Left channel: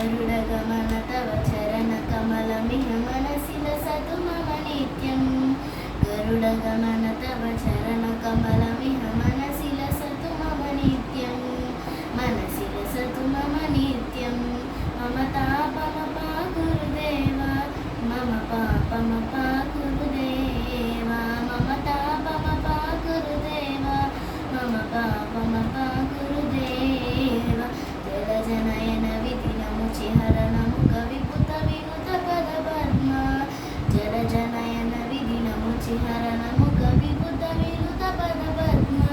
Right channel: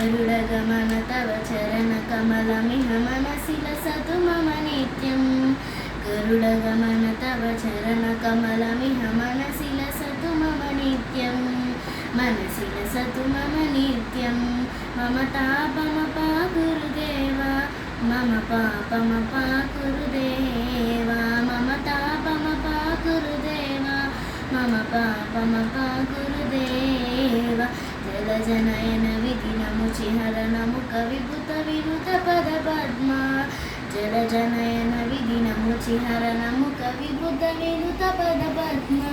गरुडगमन तव चरणकमलमिह मनसि लसतु मम नित्यं गरुडगमन तव चरणकमलमिह मनसि लसतु मम नित्यं मनसि लसतु मम नित्यं मम तापमपा गुरुदेवा मम पापमपा गुरुदेवा मम तापमपा गुरुदेवा मम पापमपा गुरुदेवा जलजनयन विधिनमुचिहरणमुख विभुत विनुत पदपद्मा जलजनयन विधिनमुचिहरणमुख विभुत विनुत पदपद्मा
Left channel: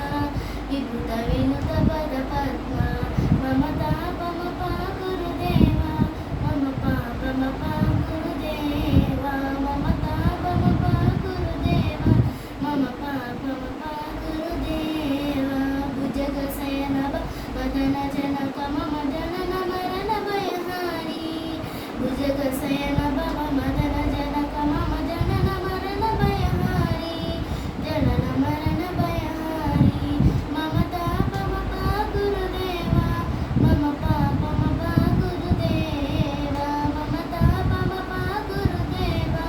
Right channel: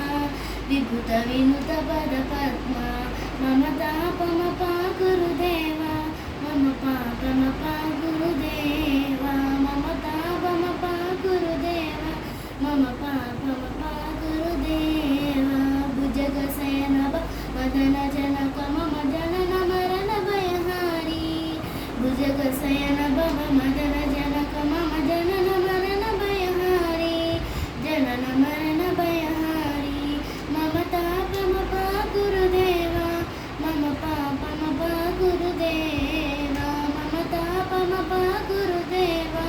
विभुत विनुत पदपद्मा मम तापमपा गुरुदेवा मम पापमपा गुरुदेवा मम तापमपा गुरुदेवा मम पापमपा गुरुदेवा भुजगशयन मदन जनक मम जनन मरण भयहारी भुजगशयन भव मदन जनक मम जनन मरण भयहारी जनन मरण भयहारी मम तापमपा गुरुदेवा मम पापमपा गुरुदेवा मम तापमपा गुरुदेवा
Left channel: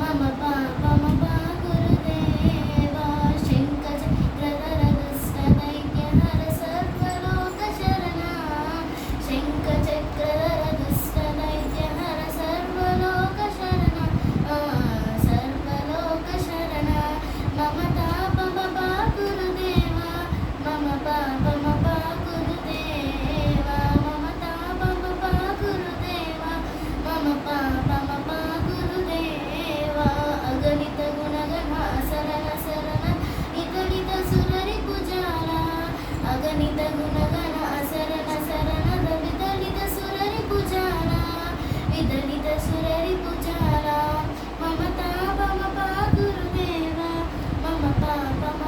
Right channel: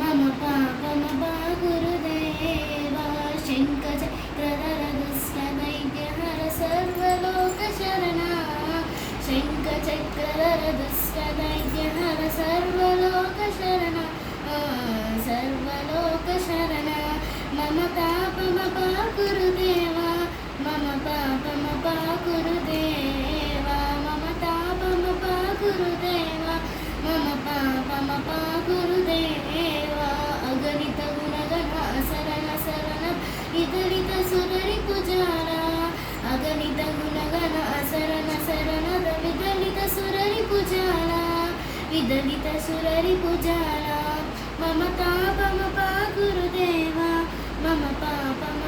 मम पापमपा गुरुदेवा शङ्खचक्रधर दुष्टदैत्यहर सर्वलोकशरणा शङ्खचक्रधर दुष्टदैत्यहर सर्वलोकशरणा सर्वलोकशरणा मम तापमपा गुरुदेवा मम पापमपा गुरुदेवा मम तापमपा गुरुदेवा मम पापमपा गुरुदेवा अगणित गुणगण असरण शरण विदलित सुररि पुजारा अगणित गुणगण असरण शरण विदलित सुररि पुजारा विदलित सुररि पुजारा मम तापमपा गुरुदेवा मम पापम